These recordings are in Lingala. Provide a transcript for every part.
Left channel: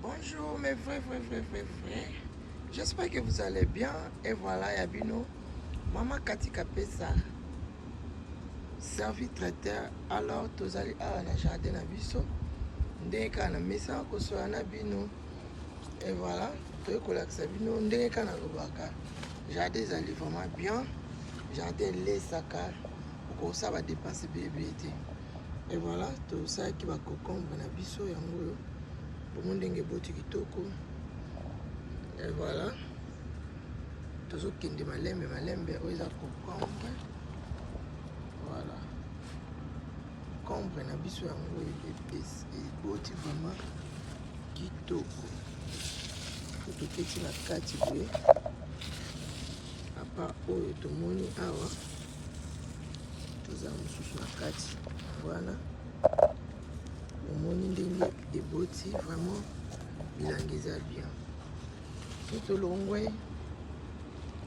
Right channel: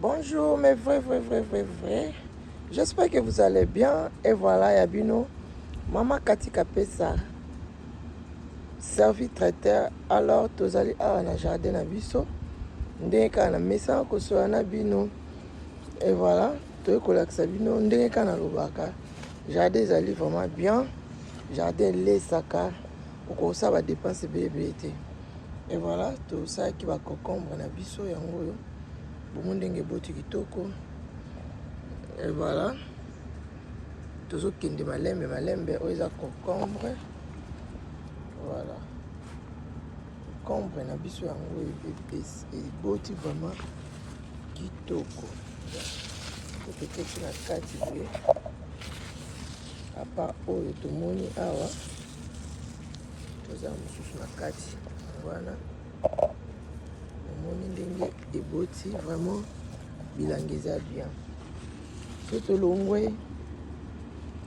Bonjour mes vrais. J'espère que vous allez bien. Et voilà, Yabino. Maman Kati Kapesa. Servi traiteur. Alors, tous allez à la jardin à Bisso. Ndeka na mesa ko so na bino. Et voilà, to ko laksa bino ndeka na lobaka. Jardin zali vraiment bien. Jardin les saka. Ko ça va dépenser bébé. Et voilà, tout ça qui va concombre na biso yango yo. Bomondenge boti kitoko. Et voilà. Toujours kende malembe oza concombre. Voilà. Concombre na biso yango et boti vraiment kitoko. Peut-être que la kati boye. À part oyo tomoni awa. Toza mususu na kati. Voilà. Omoni ndenge eboti vraiment bilangi eza bien. So tolongwe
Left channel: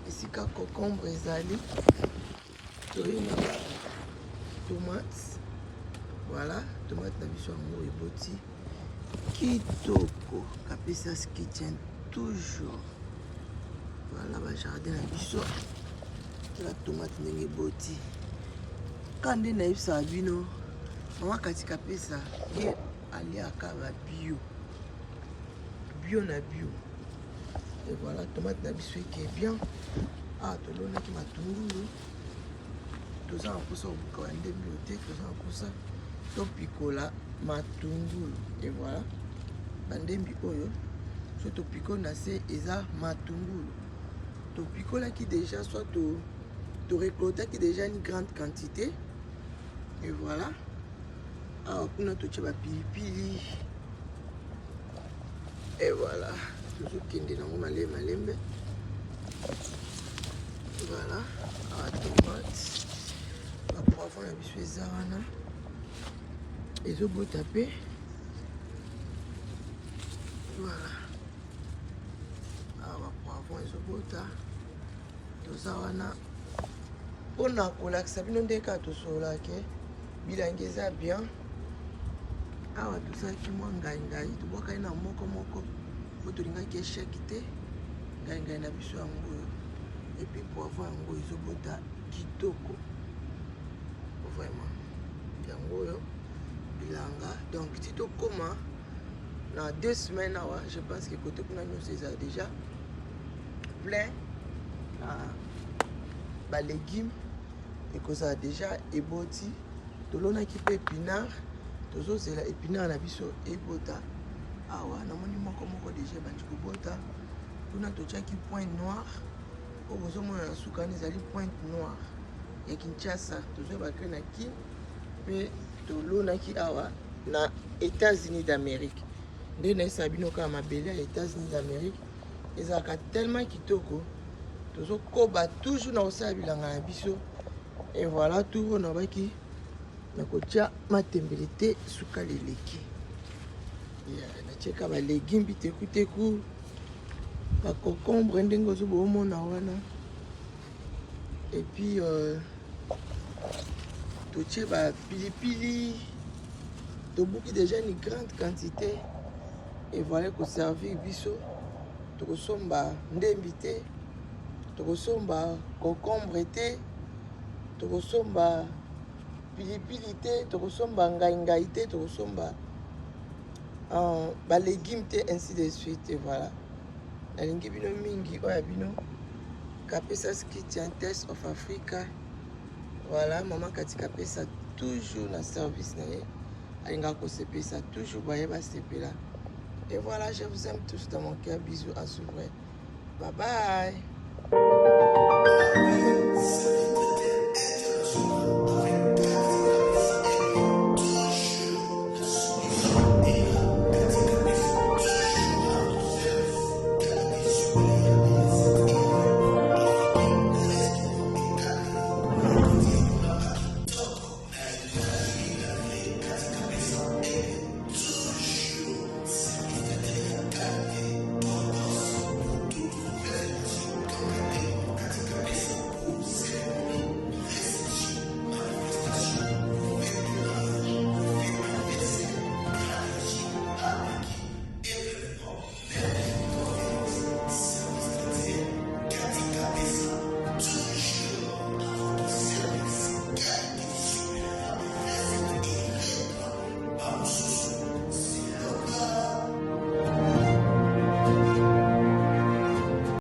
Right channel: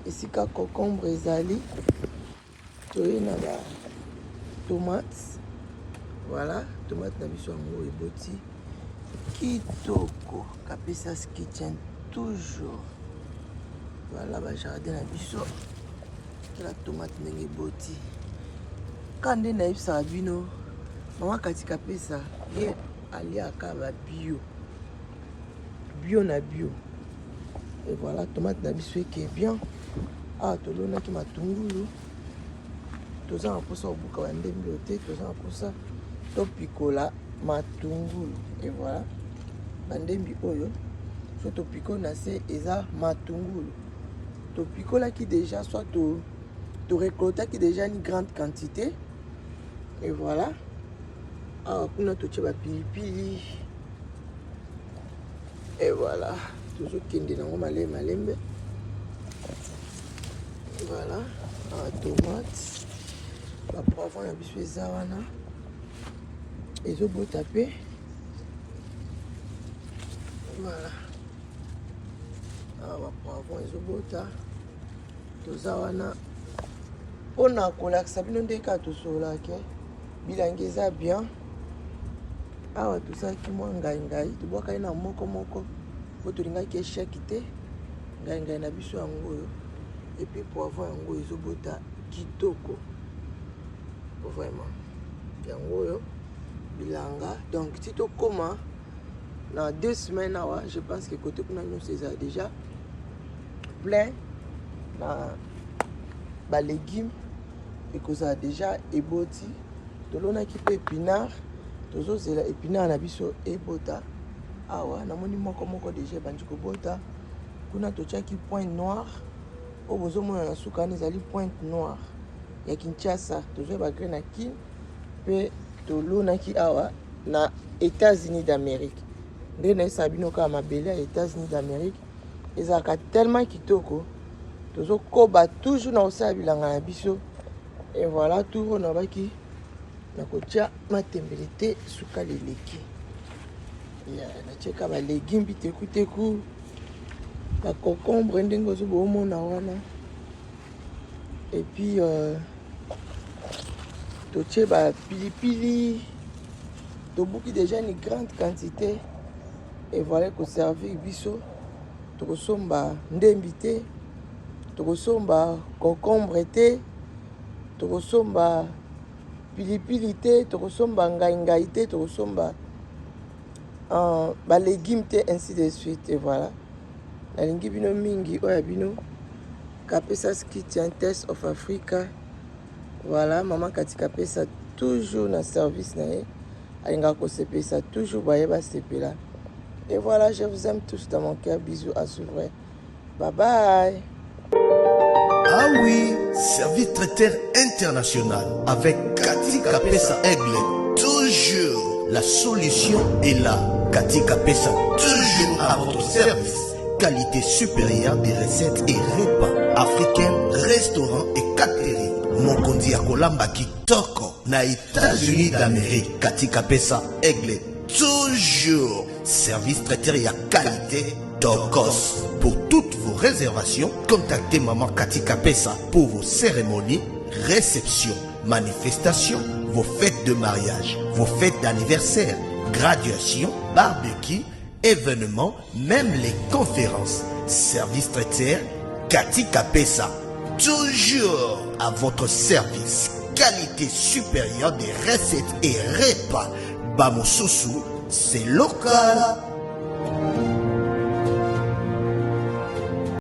esika concombre ezali toye na ba tomate. Voilà, tomate na biso yango eboti kitoko kapesa ce qui tient toujours. Voilà ba jardin na biso la tomate ndenge eboti. Kande na yebisa bino Maman Kati Kapesa ye aliaka ba bio na bio. Et voilà, tomate na biso qui est bien. Ah, tolona ki matungulu. Toza akosa obuka ba ndembi ote, toza akosa to pikola matungulu. Et voilà, ba ndembi oyo so to piko na se eza matungulu. To pikola ki déjà soit to récolter qui déjà une grande quantité. Et voilà. Ah, kuna toche ba pilipili. Et voilà. Toujours kende nango malembe. Voilà. Ah, tomate. Ba poivron ya biso eza wana. Ezo bota pe. Voilà. Ah, ba poivron ezo bota. Toza wana. Pona kolakisa bino ndeka tosolake. Bilangi eza bien. Awa tosalaki mwa ngai tobwaka ye na moko po tolingaki esheki te ngai na biso yango oyo epuis poivron yango ezobota kitoko vraiment yango oyo bilanga. Donc si tokoma na 2 semaines awa je pense que côté kuna nyonso eza déjà plein na ba légumes ekozala déjà eboti. Tolonaki pe épinard. Tozozela épinard na biso ebota. Awa namoni moko déjà bandi kobota. Kuna totiaki pointe noire. O bozomona na suka ni ezali pointe noire ya Kinshasa. Tozoba ke na ki pe tolonaki awa na États-Unis d'Amérique. Nde na sabino ka mabele ya États-Unis d'Amérique. Ezaka tellement kitoko. Tozokoba toujours na osala bilanga na biso. Et voilà tout on a baki na kotia matembelete suka leleki. Ya na cheka ba légumes biteku ba concombre ndenge ozobo mona wana. Et puis totie ba pilipili. Tobuki déjà une grande quantité. Et voilà ko servir biso. Tokosomba ndembi te. Tokosomba concombre te. Tokosomba pilipili te, tokosomba ngai te, tokosomba ba légumes te, ainsi de suite. Et voilà. Nalingi bino mingi oya bino Kapesa ski Test of Africa. Voilà, Maman Kati Kapesa toujours na service na ye. Alinga ko sepesa toujours baye ba sepela. Et voilà, je vous aime tous dans mon cœur. Bisous à suivre. Bye bye. Ah oui, service traiteur international avec Kati Kapesa Aigle. Toujours la solution est là. Kati Kapesa, toujours à votre service. Qualité supérieure des recettes et repas africains, restaurants et catering. Mokondi Akolamba Kitoko, na États-Unis d'Amérique. Kati Kapesa Aigle. Toujours service traiteur et à qualité Dokos. Pour toutes vos réservations, contactez Maman Kati Kapesa pour vos cérémonies, réceptions, manifestations, vos fêtes de mariage, vos fêtes d'anniversaire, graduation, barbecue, événements, même les conférences. Service traiteur, Cathy Kapesa. Toujours à votre service. Qualité supérieure des recettes et repas. Bamosusu, c'est local.